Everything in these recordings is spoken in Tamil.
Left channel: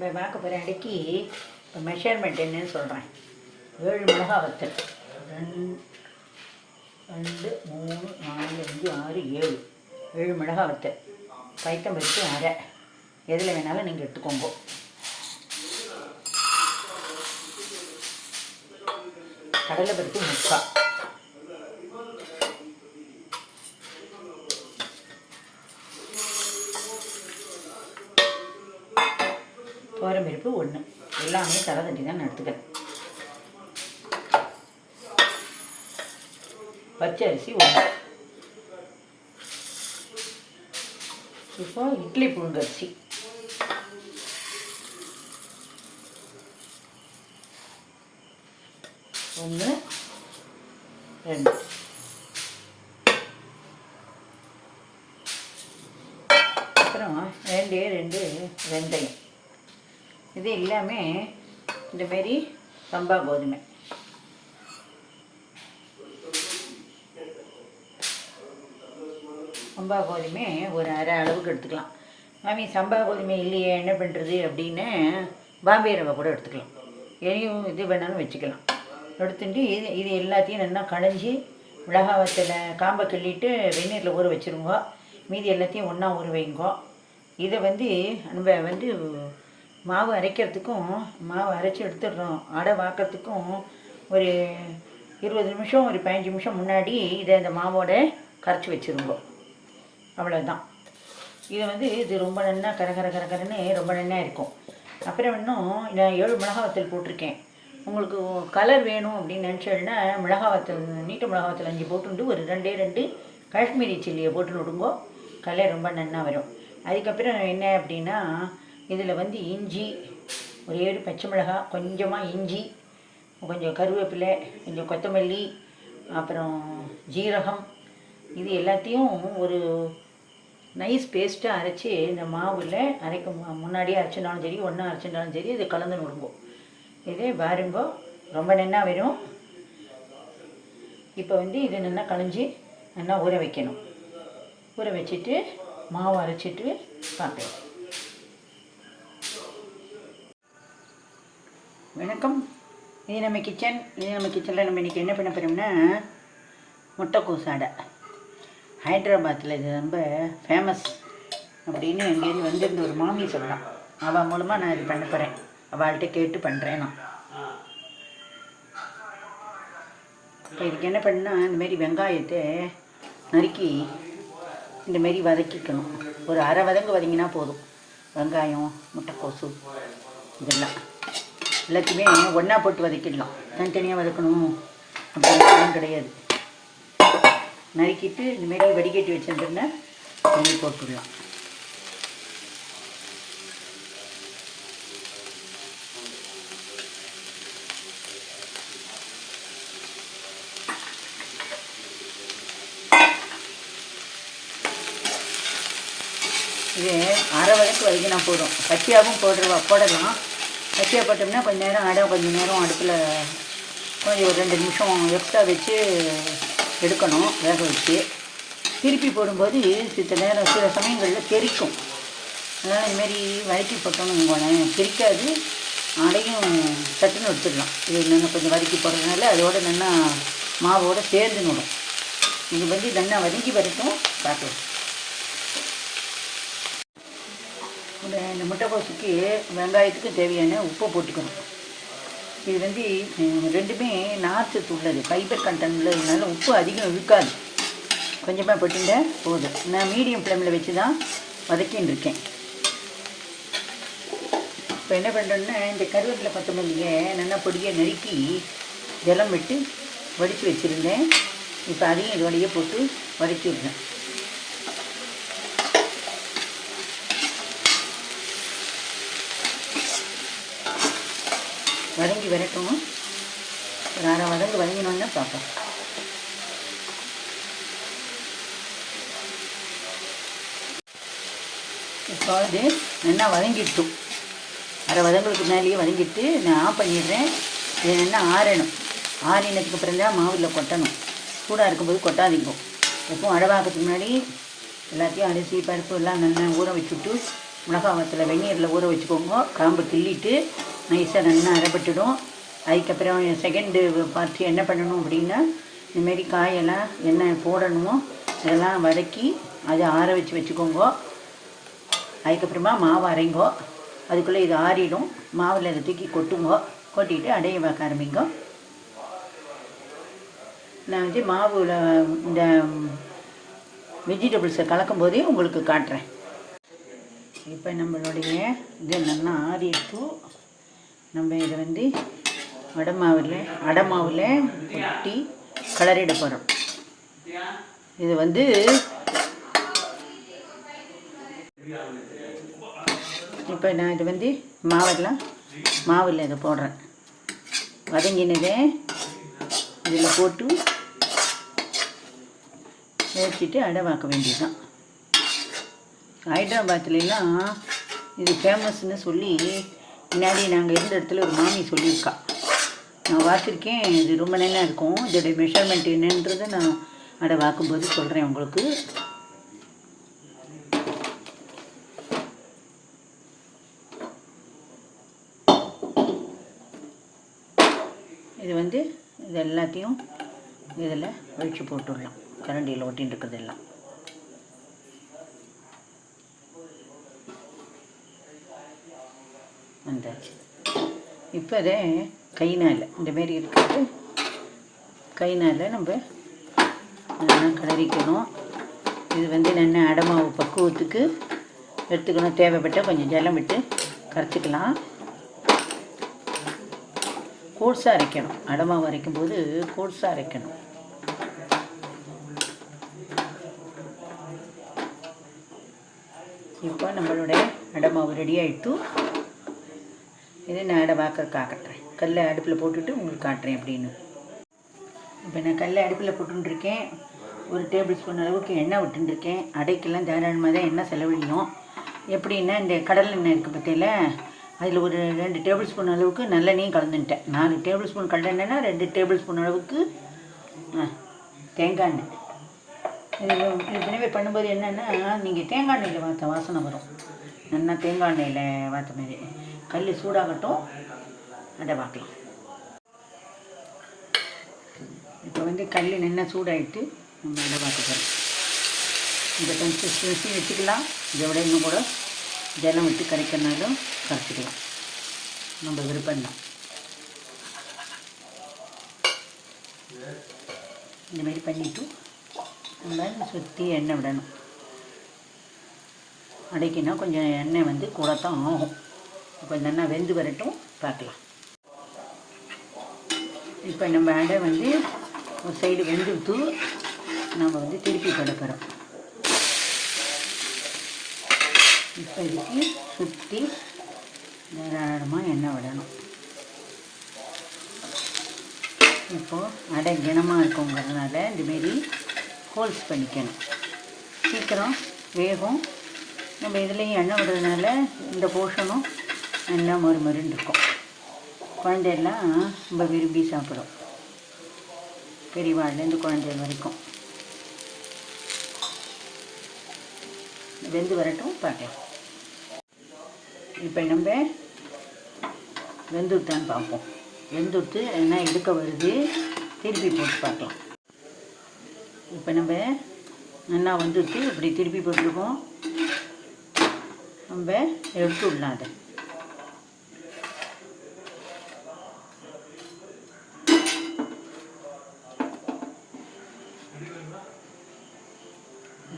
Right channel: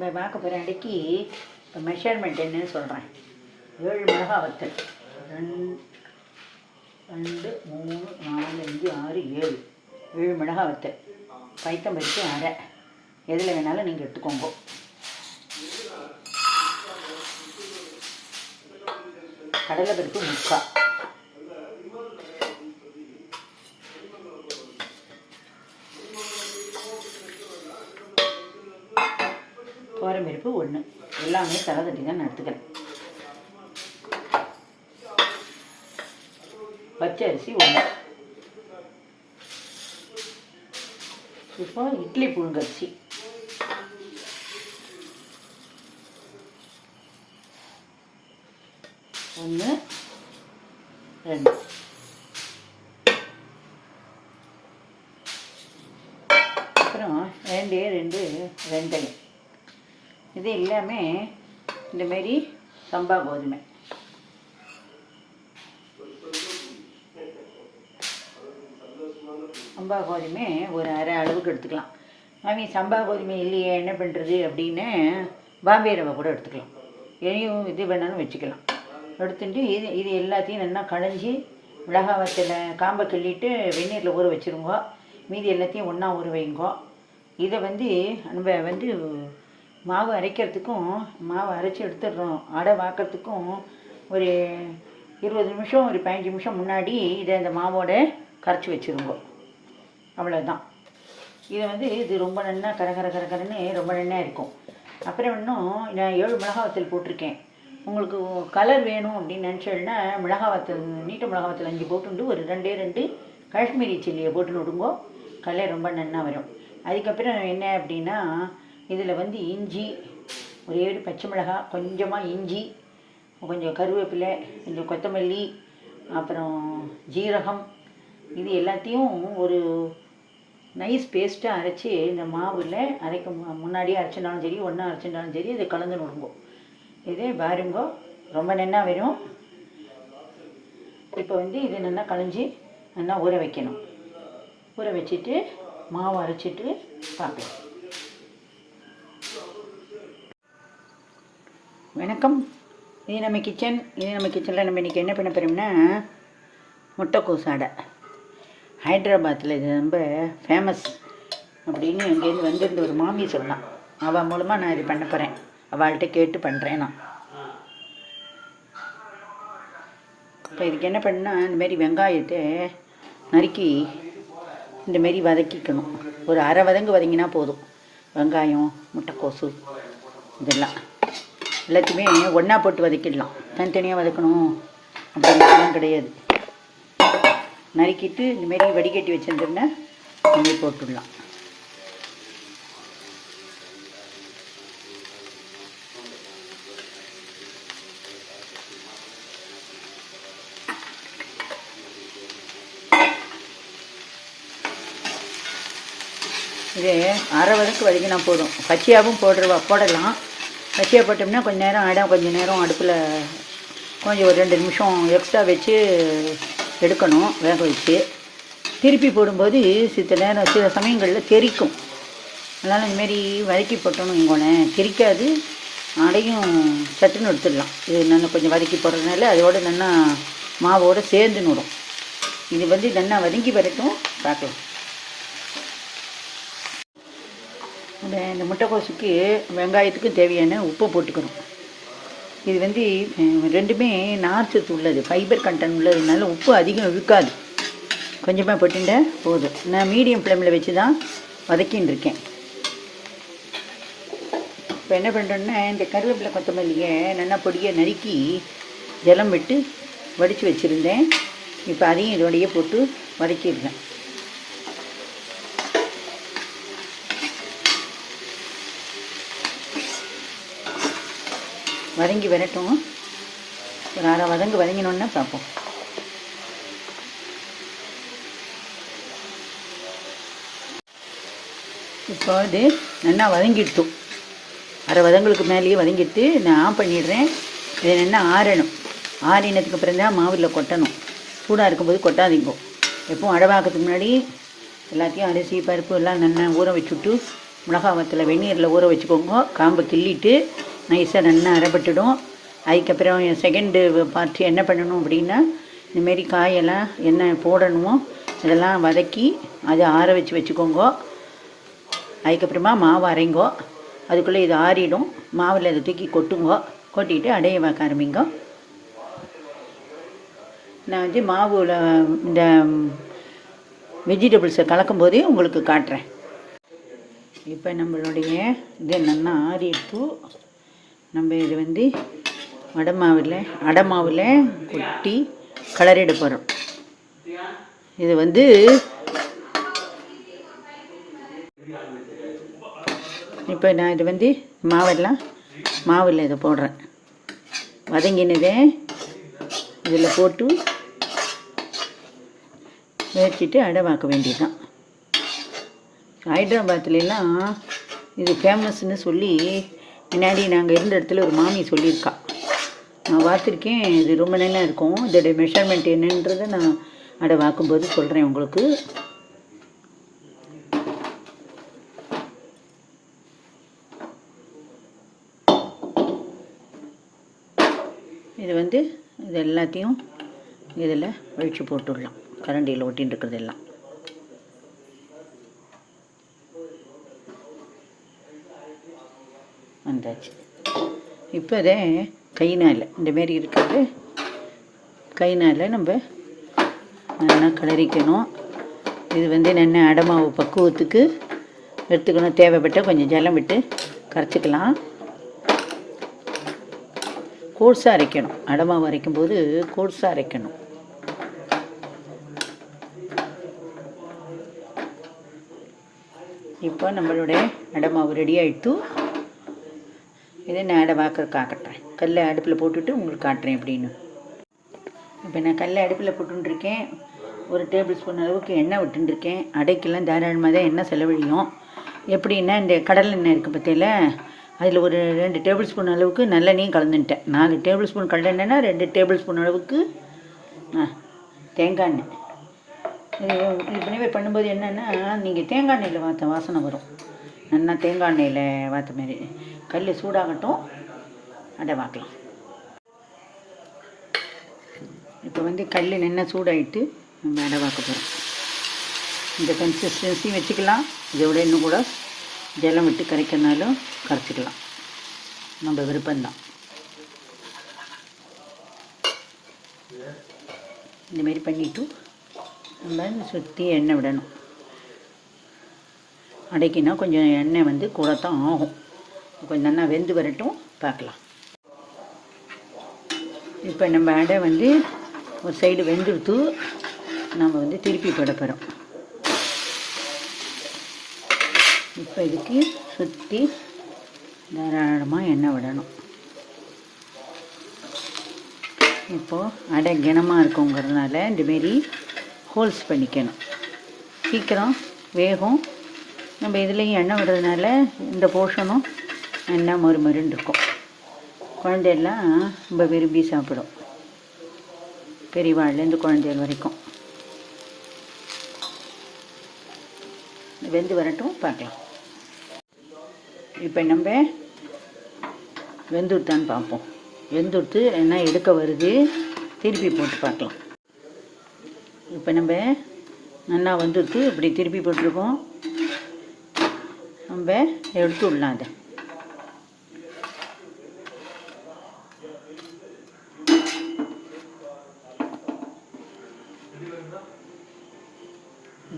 நம்ம பார்க்க போகிற இப்போ மெஷர்மெண்ட் என்னன்னு சொல்கிறேன் ஏழு மிளகா வத்தல் ரெண்டு ரெண்டு மூணு நாலு அஞ்சு ஆறு ஏழு. ஏழு மிளகா வத்தல் பைத்தம் அரை. எதில் வேணாலும் நீங்கள் எடுத்துக்கோங்க. கடலை பருப்பு முக்கால் எல்லாமே தலை தட்டி தான் எடுத்துக்கிறேன் பச்சை அரிசி ஒன்று இப்போ இட்லி புழுங்கரிசி ஒன்று ரெண்டு. அப்புறம் ரெண்டே ரெண்டு வெந்தயம். இது எல்லாமே இந்த மாதிரி சம்பா கோதுமை. சம்பா கோதுமை ஒரு அரை அளவுக்கு எடுத்துக்கலாம். மாமி சம்பா கோதுமை இல்லையே என்ன பண்ணுறது அப்படின்னு பாம்பே ரவை கூட எடுத்துக்கலாம். எதையும் இது வேணாலும் வச்சுக்கலாம். எடுத்துட்டு இது இது எல்லாத்தையும் நல்லா களைஞ்சி மிளகா வத்தல காம்பை கிள்ளிட்டு வெந்நீரில் ஊற வச்சுருங்கோ. மீதி எல்லாத்தையும் ஒன்றா ஊற வைங்கோ. இதை வந்து நம்ம வந்து மாவு அரைக்கிறதுக்கும் மாவு அரைச்சி எடுத்துடுறோம். அடை வாக்கிறதுக்கும் ஒரு இருபது நிமிஷம் ஒரு பதினஞ்சு நிமிஷம் முன்னாடி இதை அந்த மாவோட கரைச்சி வச்சுருங்க. அவ்வளோதான் இது வந்து இது ரொம்ப நல்லா கர கர கர கரன்னு ரொம்ப நல்லா இருக்கும். அப்புறம் இன்னும் நான் ஏழு மிளகா வத்தல் போட்டிருக்கேன். உங்களுக்கு கலர் வேணும் அப்படின்னு நினச்சேன்னா மிளகா வத்தல் நீட்ட மிளகா வத்தல் அஞ்சு போட்டுண்டு ஒரு ரெண்டே ரெண்டு காஷ்மீரி சில்லியை போட்டு விடுங்கோ. கலர் ரொம்ப நன்னா வரும். அதுக்கப்புறம் என்ன அப்படின்னா இதில் வந்து இஞ்சி ஒரு ஏழு பச்சை மிளகாய் கொஞ்சமாக இஞ்சி கொஞ்சம் கருவேப்பிலை கொஞ்சம் கொத்தமல்லி அப்புறம் ஜீரகம் இது எல்லாத்தையும் ஒரு நைஸ் பேஸ்ட்டாக அரைச்சி இந்த மாவில் அரைக்க முன்னாடியே அரைச்சிருந்தாலும் சரி ஒன்றா அரைச்சிருந்தாலும் சரி இது கலந்து விடுங்கோ இதே பாருங்கோ ரொம்ப நன்னா வரும். இப்போ வந்து இது நல்லா களைஞ்சி நல்லா ஊற வைக்கணும். ஊற வச்சுட்டு மாவு அரைச்சிட்டு பார்க்கலாம். வணக்கம். இது நம்ம கிச்சன் இது நம்ம கிச்சனில் நம்ம இன்றைக்கி என்ன பண்ண போகிறோம்னா முட்டைக்கோஸ் அடை ஹைதராபாத்தில் இது ரொம்ப ஃபேமஸ் அப்படின்னு அங்கேருந்து வந்திருந்த ஒரு மாமி சொன்னான். அவள் மூலமாக நான் இது பண்ண போகிறேன் அவள்கிட்ட கேட்டு பண்ணுறேன் நான். இப்போ இதுக்கு என்ன பண்ணால் இந்தமாரி வெங்காயத்தை நறுக்கி இந்தமாரி வதக்கிக்கணும். ஒரு அரை வதங்கு வதங்கினா போதும். வெங்காயம் முட்டைக்கோசு இதெல்லாம். எல்லாத்தையுமே ஒன்றா போட்டு வதக்கிடலாம். தனித்தனியாக வதக்கணும். அப்படின்லாம் கிடையாது. நறுக்கிட்டு இந்தமாரி வடிகட்டி வச்சுருந்தோம்னா தண்ணி போட்டுடலாம். இது அரை வதக்கு வதக்கினா போதும். பச்சையாகவும் போடுறவா போடலாம். பச்சையாக போட்டோம்னா கொஞ்ச நேரம் ஆகிடும் கொஞ்சம் நேரம் அடுப்பில் கொஞ்சம் ஒரு ரெண்டு நிமிஷம் எக்ஸ்ட்ரா வச்சு எடுக்கணும். வேக வச்சு. திருப்பி போடும்போது சித்த நேரம் சில சமயங்களில் தெரிக்கும் அதனால் இதுமாரி வதக்கி போட்டோன்னு உங்களேன் தெரிக்காது அடையும் சட்டுன்னு எடுத்துடலாம். இது நாங்கள் கொஞ்சம் வதக்கி போடுறதுனால அதோட நல்லா மாவோடு சேர்ந்து நடும். இது வந்து நல்லா வதங்கி வரட்டும். பார்க்கலாம் இந்த இந்த முட்டைக்கோசுக்கு வெங்காயத்துக்கும் தேவையான உப்பு போட்டுக்கணும். இது வந்து ரெண்டுமே நார்ச்சத்து உள்ளது. ஃபைபர் கண்டென்ட் உள்ளதுனால உப்பு அதிகம் இழுக்காது கொஞ்சமாக போட்டுட்ட போதும். நான் மீடியம் ஃப்ளேமில் வச்சு தான் வதக்கின்னு இருக்கேன். இப்போ என்ன பண்ணுறோன்னா இந்த கருவேப்பிலை கொத்தமல்லியை நல்லா பொடியை நறுக்கி ஜலம் விட்டு வடித்து வச்சுருந்தேன். இப்போ அதையும் இதோடையே போட்டு வதக்கிடுறேன் வதங்கி வரட்டும். ஒரு அரை வதங்கு வதங்கினோன்னா பார்ப்போம் இப்போ அது நல்லா வதங்கிட்டோம் அரை வதங்களுக்கு மேலேயே வதங்கிட்டு நான் ஆஃப் பண்ணிடுறேன். இது நல்லா ஆறணும். ஆறினதுக்கு அப்புறம் தான் மாவில் கொட்டணும். சூடாக இருக்கும்போது கொட்டாதீங்க. எப்பவும் அழவாக்கிறதுக்கு முன்னாடி எல்லாத்தையும் அரிசி பருப்பு எல்லாம் நல்லா ஊற வச்சுட்டு மிளகா வத்தலை வெந்நீரில் ஊற வச்சுக்கோங்க. காம்பை கிள்ளிட்டு நைஸாக நல்லா அரைப்பட்டுடும் அதுக்கப்புறம் செகண்டு பார்த்து என்ன பண்ணணும் அப்படின்னா இந்தமாரி காயெல்லாம் என்ன போடணுமோ இதெல்லாம் வதக்கி அதை ஆற வச்சு வச்சுக்கோங்க. அதுக்கப்புறமா மாவு அரைங்கோ. அதுக்குள்ளே இது ஆறிடும். மாவில் இதை தூக்கி கொட்டுங்கோ. கொட்டிட்டு அடைய வைக்க ஆரம்பிங்கோ. நான் வந்து மாவில் இந்த வெஜிடபிள்ஸை கலக்கும்போதே உங்களுக்கு காட்டுறேன். இப்போ நம்மளுடைய இது நல்லா ஆறிட்டு நம்ம இதை வந்து வடமாவில் அடமாவில் கொட்டி கலரிட போகிறோம் இது வந்து இப்போ நான் இது வந்து மாவெல்லாம் மாவில் இதை போடுறேன். வதங்கினதே இதில் போட்டு ஏற்றிட்டு அடமாக்க வேண்டியதுதான். ஹைதராபாத்லாம் இது ஃபேமஸ்ன்னு சொல்லி முன்னாடி நாங்கள் இருந்த இடத்துல ஒரு மாமி சொல்லியிருக்கா. நான் பார்த்துருக்கேன் இது ரொம்ப நல்லா இருக்கும். இதோடைய மெஷர்மெண்ட் என்னன்றதை நான் அடை வாக்கும்போது சொல்கிறேன் உங்களுக்கு. இது வந்து இது எல்லாத்தையும் இதில் ஒழிச்சு போட்டுடலாம். கரண்டியில் ஒட்டின்னு இருக்கிறதெல்லாம் வந்தாச்சு இப்போ அதை கைனால் இந்தமாரி இருக்கிறது கைனால் நம்ம நல்லா கிளறிக்கணும் இது வந்து நல்லா அடமாவு பக்குவத்துக்கு எடுத்துக்கணும். தேவைப்பட்ட கொஞ்சம் ஜலம் விட்டு கரைச்சிக்கலாம். கோர்ஸாக அரைக்கணும். அடமாவு அரைக்கும் போது கோர்ஸாக அரைக்கணும். இப்போ நம்மளுடைய அடமாவு ரெடி ஆகிட்டு இதே நான் அடை வாக்கறதுக்கு காட்டுறேன் கல்லை அடுப்பில் போட்டுட்டு உங்களுக்கு காட்டுறேன் அப்படின்னு. இப்போ நான் கல்லை அடுப்பில் போட்டுருக்கேன் ஒரு டேபிள் ஸ்பூன் அளவுக்கு எண்ணெய் விட்டுருக்கேன் அடைக்கெல்லாம் தாராளமாக தான் எண்ணெய் செலவழியும். எப்படின்னா இந்த கடல் எண்ணெய் இருக்குது பற்றியில் அதில் ஒரு ரெண்டு டேபிள் ஸ்பூன் அளவுக்கு நல்லெண்ணையும் கலந்துட்டேன். நாலு டேபிள் ஸ்பூன் கடலெண்ணெய்னா ரெண்டு டேபிள் ஸ்பூன் அளவுக்கு ஆ, தேங்காய் எண்ணெய். இது இது பண்ணும்போது என்னென்னா நீங்கள் தேங்காய் எண்ணெயில் வாத்த வாசனை வரும். நல்லா தேங்காய் எண்ணெயில் வாத்த மாதிரி. கல் சூடாகட்டும். அடை வாக்கலாம் இப்போ வந்து கல் நின்று சூடாகிட்டு நம்ம அடை வாக்க போகிறோம் இந்த கன்சிஸ்டன்சி வச்சுக்கலாம். இதை விட இன்னும் கூட ஜலம் விட்டு கரைக்கிறனாலும் கரைச்சிக்கலாம். நம்ம விருப்பம்தான் இந்தமாரி பண்ணிவிட்டு நம்ம சுற்றி எண்ணெய் விடணும். அடைக்கினா கொஞ்சம் எண்ணெய் வந்து கூட தான் ஆகும். கொஞ்சம் நல்லா வெந்து வரட்டும் பார்க்கலாம். இப்போ நம்ம அடை வந்து ஒரு சைடு வெந்துடுத்து நம்ம வந்து திருப்பி போட போகிறோம் இப்போ இதுக்கு சுற்றி தாராளமாக எண்ணெய் விடணும். இப்போது அடை கனமாக இருக்குங்கிறதுனால இந்தமாரி ஹோல்ஸ் பண்ணிக்கணும். சீக்கிரம் வேகும். நம்ம இதுலேயும் எண்ணெய் விடுறதுனால இந்த போர்ஷனும் நல்லா மொறு மொறுன்னு இருக்கும். குழந்தையெல்லாம் ரொம்ப விரும்பி சாப்பிடும். பெரியவாழ்லேருந்து குழந்தைகள் வரைக்கும். வெந்து வரட்டும் பார்க்கலாம் இப்போ நம்ம வெந்துட்டான்னு பார்ப்போம். வெந்துடுத்து என்ன எடுக்க வருது திருப்பி போட்டு பார்க்கலாம். இப்போ நம்ம நல்லா வந்துட்டு இப்படி திருப்பி போட்டிருக்கோம். நம்ம எடுத்து விடலாம் அதை.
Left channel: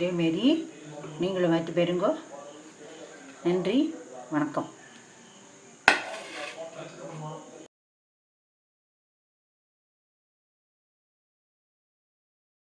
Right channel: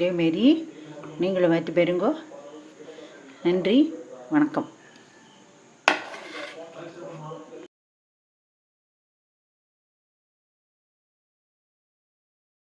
இதேமாரி நீங்களும் வைத்து பெறுங்கோ நன்றி வணக்கம்.